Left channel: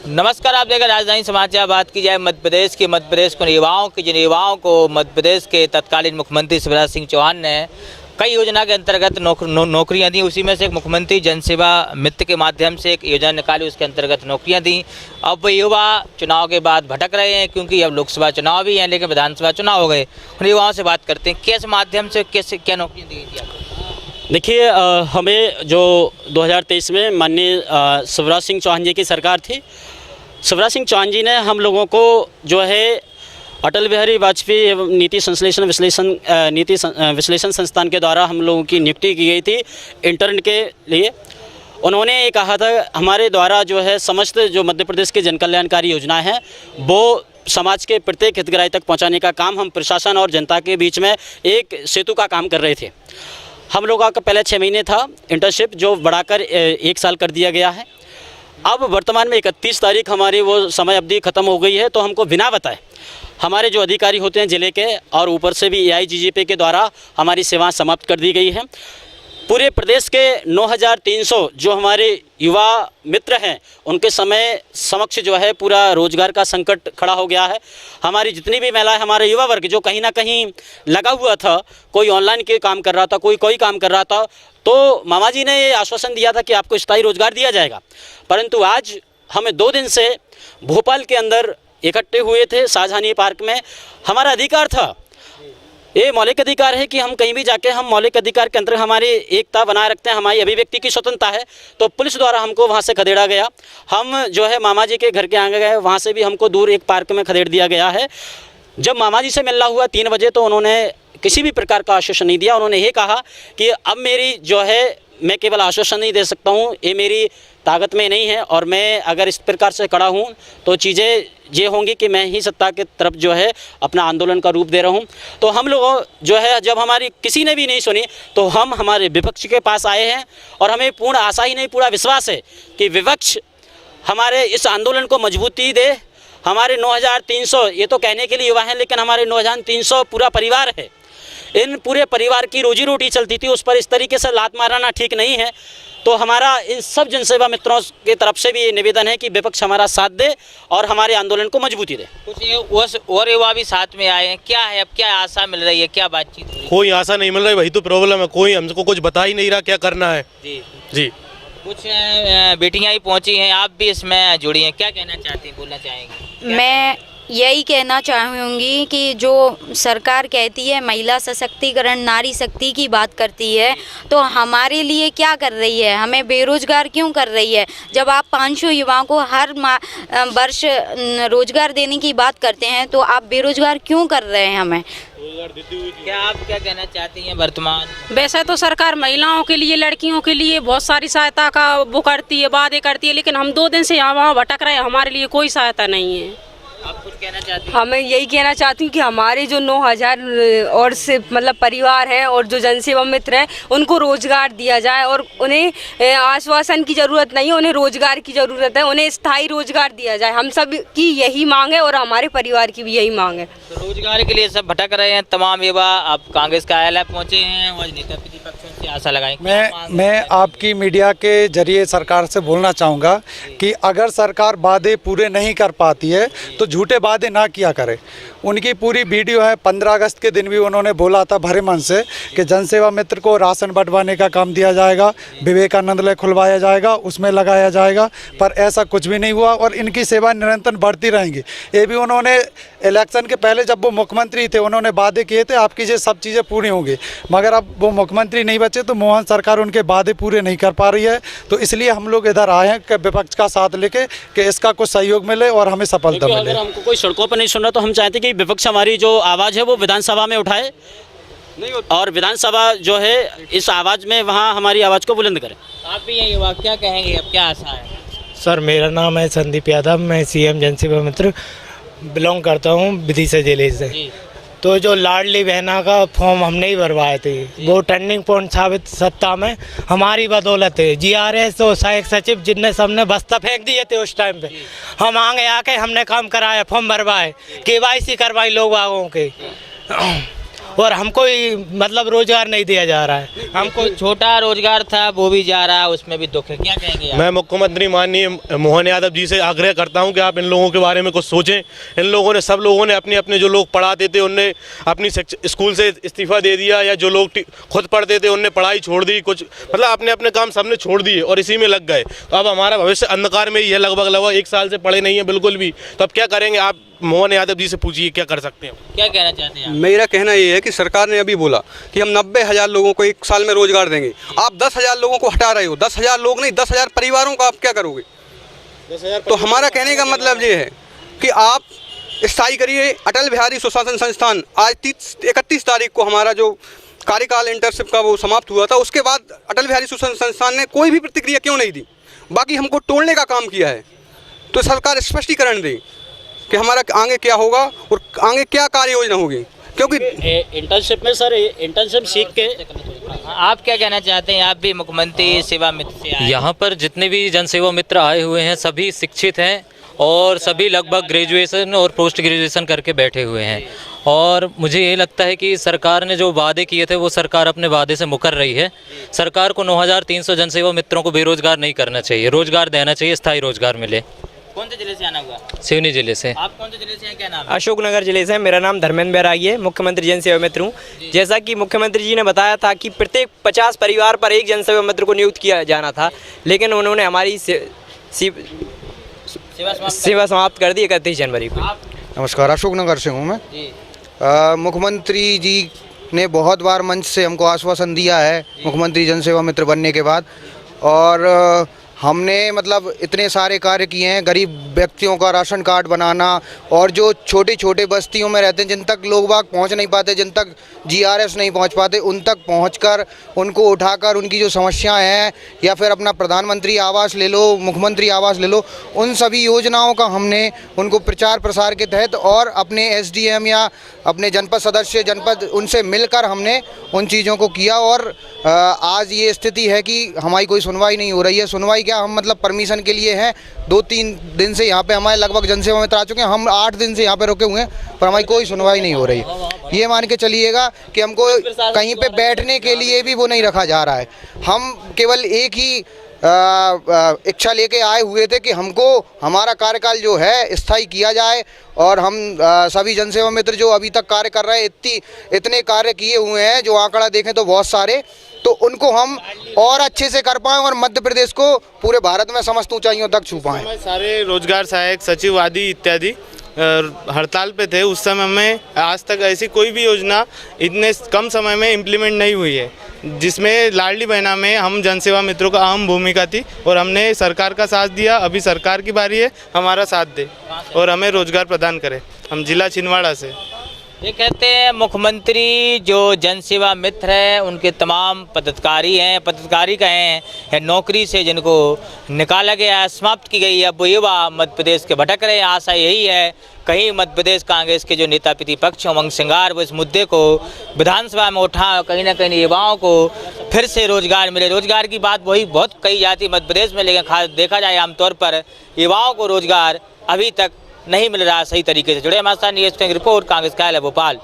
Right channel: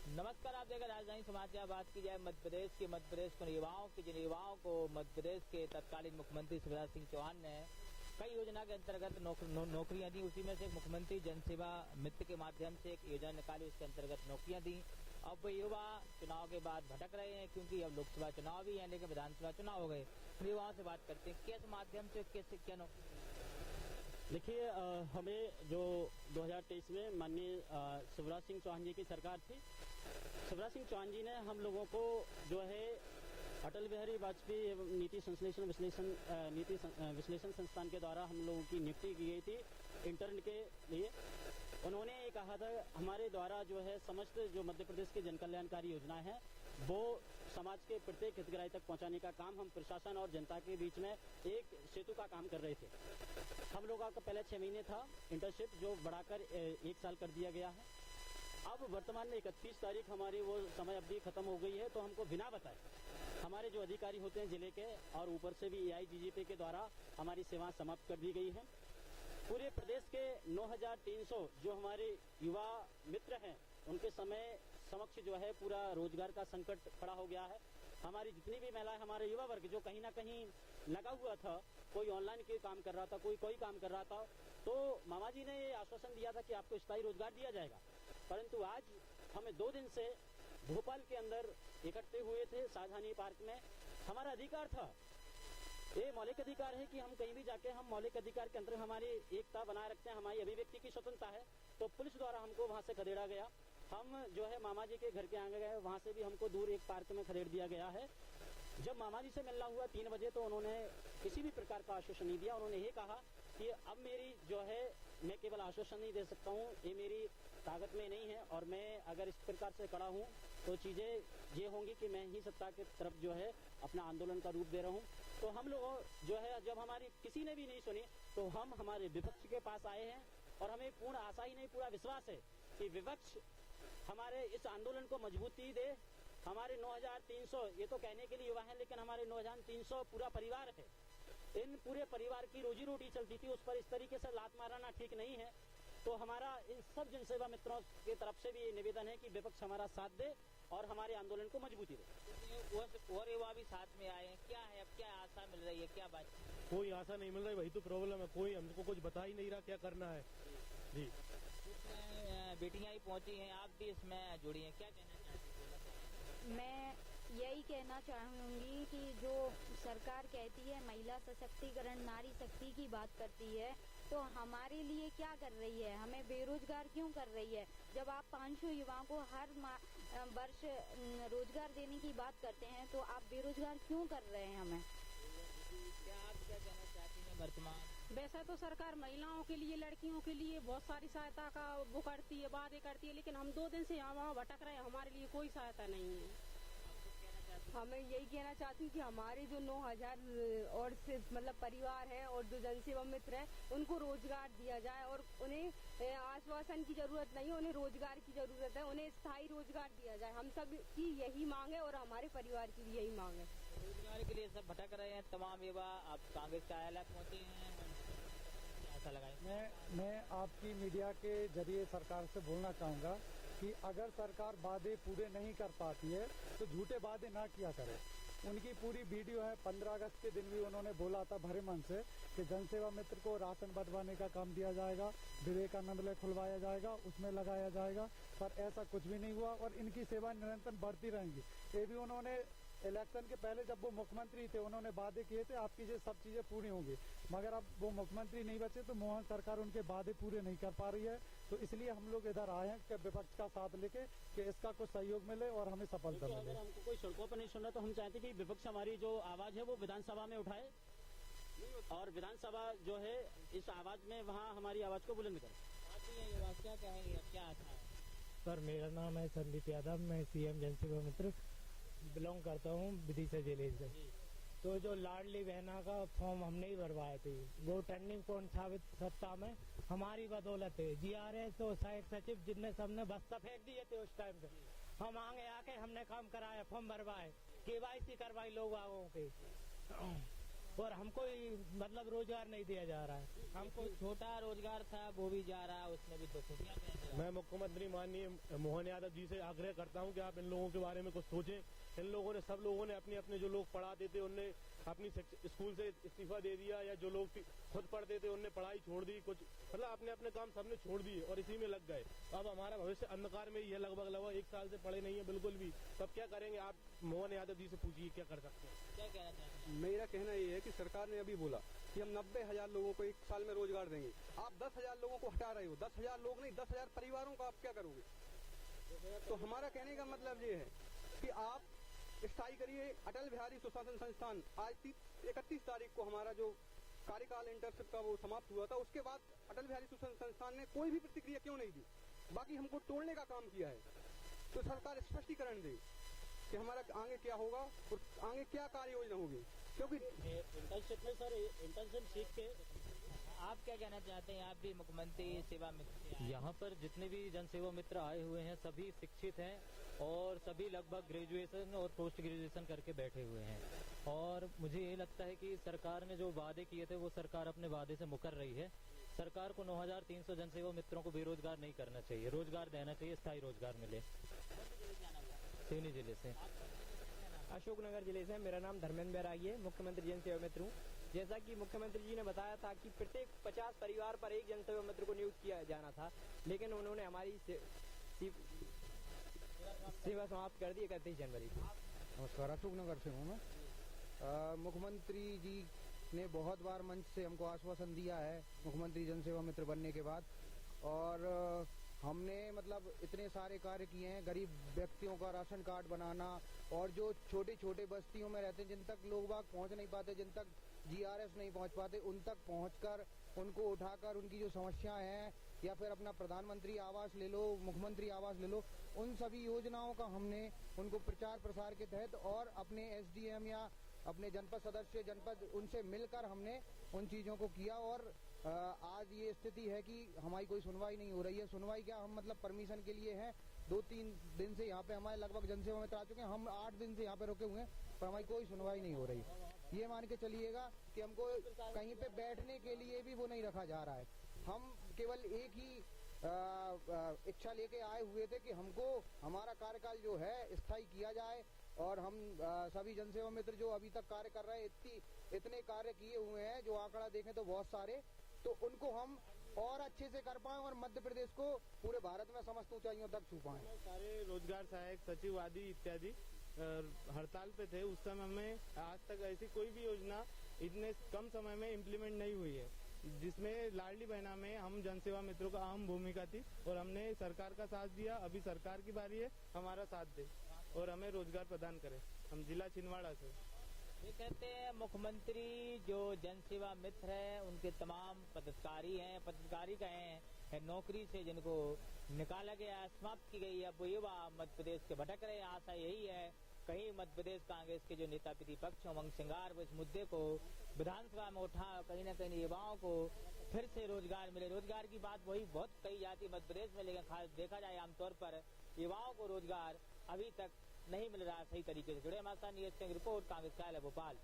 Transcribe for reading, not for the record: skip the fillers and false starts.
नमस्कार, आप देख राजधानी समाचार। बात की जाए मध्य प्रदेश को युवाओं को मध्य प्रदेश के तत्कालीन मुख्यमंत्री शिवराज सिंह चौहान ने कई योजना के अंतर्गत नौकरियां दी। उसी में से एक मुख्यमंत्री जनसेवा मित्र के माध्यम से एक योजना निकाली, उसके अंतर्गत नौकरियां दी। अब युवा चुनाव के बाद भटक रहे हैं, क्योंकि अब लोकसभा चुनाव भी हैं लेकिन विधानसभा चुनाव हो गए। उन युवाओं से बात करते हैं, किस माध्यम से कैसे क्या नौकरियाँ दी गई थी? देखिए, हमें जो 2023 में माननीय शिवराज सिंह चौहान जी की सरकार थी, शिवराज सिंह चौहान जी ने हम लोगों को जो है अटल बिहारी वाजपेयी एवं नीति विश्लेषण संस्थान के द्वारा हम लोगों की नियुक्ति की गई थी इंटर्न के लिए। उन्होंने ये कहा था हमारे द्वारा जो है समस्त जो मध्य प्रदेश की जनकल्याणकारी योजनाएं हैं वो समाज के प्रत्येक हितग्राही तक पहुंचाने का काम हम प्रशासन और जनता के बीच में एक सेतु का काम कर रहे थे। हम लोगों का पहले 6 महीने था इंटर्नशिप, जो बढ़ाकर 1 साल कर दिया गया है। अब वर्तमान में 31 तारीख हमारी वो समय अवधि ख़त्म हो गई है, तो हमको बिना बताए हमारे जो अधिकारी होते हैं ज़िले के और ऊपर से भी AIGGP के द्वारा हमारी सेवाएं समाप्त कर दी गई हैं। पूरे प्रदेश के 9300 जो हमारे युवा मित्र हैं उनके समय समक्ष जो है पूरा रोजगार का संकट खड़ा हो गया है। हमारी जितनी भी महिलाएं, हमारे युवा वर्ग जो कहीं ना कहीं लगा हुआ था, कोई ऑनलाइन के काम कर रहा था, कोई काम कर रहा था, तो मामा जी ने ये आश्वासन दिया था कि आपको स्थायी रोजगार दिया जाएगा। परंतु आज हमें 2 दिन से भोपाल के अंदर इकट्ठे हुए थे शाहजहानी पार्क में। हमारा अधिकार था, ये मौलिक अधिकार है कि हम कहीं भी जाके हम मौलिक अधिकार के अंतर्गत हमारी एकता बनाए रखते हैं, हमारी अभिव्यक्ति की स्वतंत्रता है। तो पुलिस द्वारा हमको वहाँ से खदेड़ा गया। हम जो है मामा जी के घर के आगे गए, वहाँ से भी हमको दूर एक पार्क में खदेड़ दिया गया है। जब मामा जी से मिलना हुआ 3 बजे, तो उन्होंने किसी भी प्रकार का आश्वासन नहीं दिया। उन्होंने ये कहा कि अब मेरी जो है मैं केवल आश्वासन नहीं दे सकता हूँ, ये मेरी ताकत में नहीं है, और मैं अगर इस प्रकार से खड़ा हूँ तो चीज़ें ये होंगी कि मैं ही सत्ता की तरफ जो है अपना आंदोलन का रूप दे रहा हूँ। तो हम लोग जो है जब हमारी किसी ने भी नहीं सुनी तो हम हमारे विपक्ष के पास आए हैं, और हमें पूर्ण आशा ही नहीं पूरा विश्वास है कि विपक्ष हमारे इस आंदोलन को मजबूती दे। हमारे 9300 ये तो कहने के लिए युवा हैं, लेकिन हमारे 9300 पूरा परिवार है। इन पूरे परिवार की रोजी रोटी चलती थी, उस पर इस तरीके से लात मारना ठीक नहीं है। तो हमारा इन सब जनसेवा मित्रों की तरफ से भी ये निवेदन है कि विपक्ष हमारा साथ दे और हमारे आंदोलन को मजबूती दे। कुछ और युवा भी साथ में आए हैं, क्या है, अब क्या आशा मिल रही है, क्या बातचीत हो रही है? कोई आशा नहीं मिल रही, वही तो प्रॉब्लम है। कोई हमको कुछ बता ही नहीं रहा क्या करना है। जी कुछ बेटियां ही पहुंची हैं, आप भी इसमें जुड़ी हैं, क्या कहना चाहती हैं, बोलना चाहेंगी? मैं यही कहना चाहूँगी कि जो सरकार कहती है महिला सशक्तिकरण, नारी शक्ति की बात करती है, तो हमारे लिए क्या कर रही है? हमें बेरोजगार क्यों कर रही है? जब आप 500 युवाओं को हर वर्ष रोजगार देने की बात करते हैं, तो आप बेरोजगार क्यों कर रहे हैं हमें? क्या आप क्या कहना चाहती हैं वर्तमान? वैसे तो सरकार महिलाओं के लिए, लड़कियों के लिए बहुत सारी सहायता का वो करती है, वादे करती है, लेकिन हम 2 दिन से यहाँ वहाँ भटक रहे हैं, हमारे लिए कोई सहायता नहीं है। आप कुछ कहना चाहती हैं? हमें यही कहना चाहती हूँ कि हमारे जो 9000 और से मतलब परिवार हैं और जो जनसेवा मित्र हैं उनको रोजगार दिया जाए, और उन्हें आश्वासन की ज़रूरत नहीं है, उन्हें रोजगार की ज़रूरत है, उन्हें स्थायी रोजगार दिया जाए। हम सब की यही मांग है और हमारे परिवार की भी यही मांग है। तो रोजगार के लिए सब भटक रहे हैं तमाम युवा। आप कांग्रेस कार्यालय पहुंचे हैं और नेता प्रतिपक्षों से आशा लगाई। मैं आपकी मीडिया के जरिए सरकार से बोलना चाहूँगा कि अगर सरकार वादे पूरे नहीं कर पाती है तो झूठे वादे ना किया करे। उनकी पूरी वीडियो है, 15 अगस्त के दिन भी उन्होंने बोला था भरे मन से कि जनसेवा मित्र को राशन बंटवाने का काम दिया जाएगा, विवेकानंद खुलवाया जाएगा, उसमें लगाया जाएगा, पर ऐसा कुछ भी नहीं हुआ और इनकी सेवा निरंतर बढ़ती रहेंगी। ये भी उन्होंने इलेक्शन के पहले जब वो मुख्यमंत्री थे उन्होंने वादे किए थे आपकी ये सब चीज़ें पूरी होंगी, मगर अब वो मुख्यमंत्री नहीं बचे तो मोहन सरकार उनके वादे पूरे नहीं कर पा रही है। तो इसलिए हम लोग इधर आए हैं कि विपक्ष का साथ लेके कि इसका कुछ सहयोग मिले और हमें सफलता मिले। अगर हमको कोई सड़कों पर नहीं सुन रहा तो हम चाहते कि विपक्ष हमारी जो आवाज़ है वो विधानसभा में उठाए, और विधानसभा जो है इस आवाज़ में वहाँ हमारी आवाज़ को बुलंद करे। आप भी ये युवा क्या कहेंगे, अब क्या आशा है? सर, मेरा नाम है संदीप यादव, मैं CM जनसेवा मित्र बिलोंग करता हूँ विदिशा जिले से। तो जो लाडली बहना का फॉर्म हमने ही भरवाए थे, वो टर्निंग पॉइंट साबित सत्ता में हमारी बदौलत है। GRS और सहायक सचिव जिनने सबने बस्ता फेंक दिए थे उस टाइम पे, हम आगे आके हमने काम कराया, फॉर्म भरवाए, KYC करवाई लोग बागों के, और हमको ही मतलब रोजगार नहीं दिया जा रहा है। हमको छोटा रोजगार था वो भी जा रहा है, उसमें भी दुख है, क्या कहेंगे आप? मैं मुख्यमंत्री माननीय मोहन यादव जी से आग्रह करता हूं कि आप इन लोगों के बारे में कुछ सोचें। इन लोगों ने, सब लोगों ने अपने अपने जो लोग पढ़ाते थे उनने अपनी स्कूल से इस्तीफा दे दिया, या जो लोग खुद पढ़ते थे उनने पढ़ाई छोड़ दी, कुछ मतलब अपने अपने काम सबने छोड़ दिए और इसी में लग गए। तो अब हमारा भविष्य अंधकार में ही है, लगभग 1 साल से पढ़े नहीं है बिल्कुल भी। तो अब क्या करेंगे? आप मोहन यादव जी से पूछिए क्या कर सकते हैं। क्या कहना चाहते हैं आप? मेरा कहना ये है कि सरकार ने अभी बोला कि हम 90,000 लोगों को 1 साल में रोजगार देंगे। आप 10,000 लोगों को हटा रहे हो। 10,000 लोग नहीं, 10,000 परिवारों का आप क्या करोगे? 10,000। तो हमारा कहने का मतलब ये है कि आप स्थायी करिए। अटल बिहारी सुशासन संस्थान आज 31 तारीख को हमारा जो कार्यकाल इंटर्नशिप का वो समाप्त हुआ था, उसके बाद अटल बिहारी सुशासन संस्थान ने कोई भी प्रतिक्रिया क्यों नहीं दी? बाकी हमको तोड़ने का काम किया है। तो सरकार स्पष्टीकरण दे कि हमारा आगे क्या होगा और आगे क्या कार्य योजना होगी, क्योंकि इंटर्नशिप में सर, इंटर्नशिप सीख के आप क्या कहना चाहते हैं? आप भी मुख्यमंत्री सेवा मित्र से आए। यहाँ पर जितने भी जनसेवा मित्र आए हुए हैं सभी शिक्षित हैं और सभी लगभग ग्रेजुएशन और पोस्ट ग्रेजुएशन करके बैठे हुए हैं। और मुझे ये लगता है कि सरकार ने जो वादे किए थे वो सरकार अपने वादे से मुकर रही है। सरकार को 9,300 जनसेवा मित्रों को बेरोजगार नहीं करना चाहिए, रोजगार देना चाहिए, स्थायी रोजगार मिले। कौन से जिले से आना हुआ? सिवनी जिले से। आप कौन से जिले से हैं, क्या नाम है? अशोकनगर जिले से। मेरा नाम धर्मेंद्र बैरागी है, मुख्यमंत्री जनसेवा मित्र हूँ। जैसा कि मुख्यमंत्री जी ने बताया था कि प्रत्येक 50 परिवार पर एक जनसेवा मित्र को नियुक्त किया जाना था, लेकिन उन्होंने हमारी सेवा समाप्त कर दी 31 जनवरी को। नमस्कार, अशोकनगर से हूँ मैं। मुख्यमंत्री जी ने बहुत बार मंच से हमको आश्वासन दिया है मुख्यमंत्री जनसेवा मित्र बनने के बाद, और हमने मतलब इतने सारे कार्य किए हैं। गरीब व्यक्तियों का राशन कार्ड बनाना, और जो छोटे छोटे बस्तियों में रहते हैं जिन तक लोग बाग पहुंच नहीं पाते, जिन तक GRS नहीं पहुंच पाते, उन तक पहुंचकर उनको उठाकर उनकी जो समस्याएं हैं, या फिर अपना प्रधानमंत्री आवास ले लो, मुख्यमंत्री आवास ले लो, उन सभी योजनाओं का हमने उनको प्रचार प्रसार के तहत और अपने SDM या अपने जनपद सदस्य जनपद उनसे मिलकर हमने उन चीज़ों को किया। और आज ये स्थिति है कि हमारी कोई सुनवाई नहीं हो रही है। सुनवाई क्या, हम मतलब परमिशन के लिए हैं, 2-3 दिन से यहाँ पे हमारे लगभग जनसेवा मित्र आ चुके हैं। हम 8 दिन से यहाँ पे रुके हुए हैं, पर हमारी कोई सुनवाई नहीं हो रही है। ये मान के चलिएगा कि हमको कहीं पे बैठने के लिए भी वो नहीं रखा जा रहा है। हम केवल एक ही इच्छा लेके आए हुए थे कि हमको हमारा कार्यकाल जो है स्थायी किया जाए, और हम सभी जनसेवा मित्र जो अभी तक कार्य कर रहे हैं, इतने कार्य किए हुए हैं, जो आंकड़ा देखें तो बहुत सारे, तो उनको हम और अच्छे से कर पाएँ और मध्य प्रदेश को पूरे भारत में समस्त ऊंचाइयों तक छू पाएँ। सारे रोजगार सहायक सचिव आदि इत्यादि हड़ताल पे थे। उस समय में आज तक ऐसी कोई भी योजना इतने कम समय में इम्प्लीमेंट नहीं हुई है, जिसमें लाडली बहना में हम जनसेवा मित्रों का अहम भूमिका थी, और हमने सरकार का साथ दिया। अभी सरकार की बारी है हमारा साथ दे और हमें रोजगार प्रदान करे। हम जिला छिंदवाड़ा से। ये कहते हैं मुख्यमंत्री जो जनसेवा मित्र हैं उनके तमाम पदाधिकारी हैं, पदाधिकारी कहें या नौकरी से जिनको निकाला गया, समाप्त की गई है, अब वो युवा मध्य प्रदेश के भटक रहे हैं। आशा यही है कहीं मध्य प्रदेश कांग्रेस के जो नेता प्रतिपक्ष उमंग सिंगार वो इस मुद्दे को विधानसभा में उठा, कहीं ना कहीं युवाओं को फिर से रोजगार मिले। रोजगार की बात वही बहुत कही जाती है मध्य प्रदेश में, लेकिन खास देखा जाए आमतौर पर युवाओं को रोजगार अभी तक नहीं मिल रहा सही तरीके से। जुड़े हमारे साथ न्यूज़ रिपोर्ट, कांग्रेस कार्यालय भोपाल।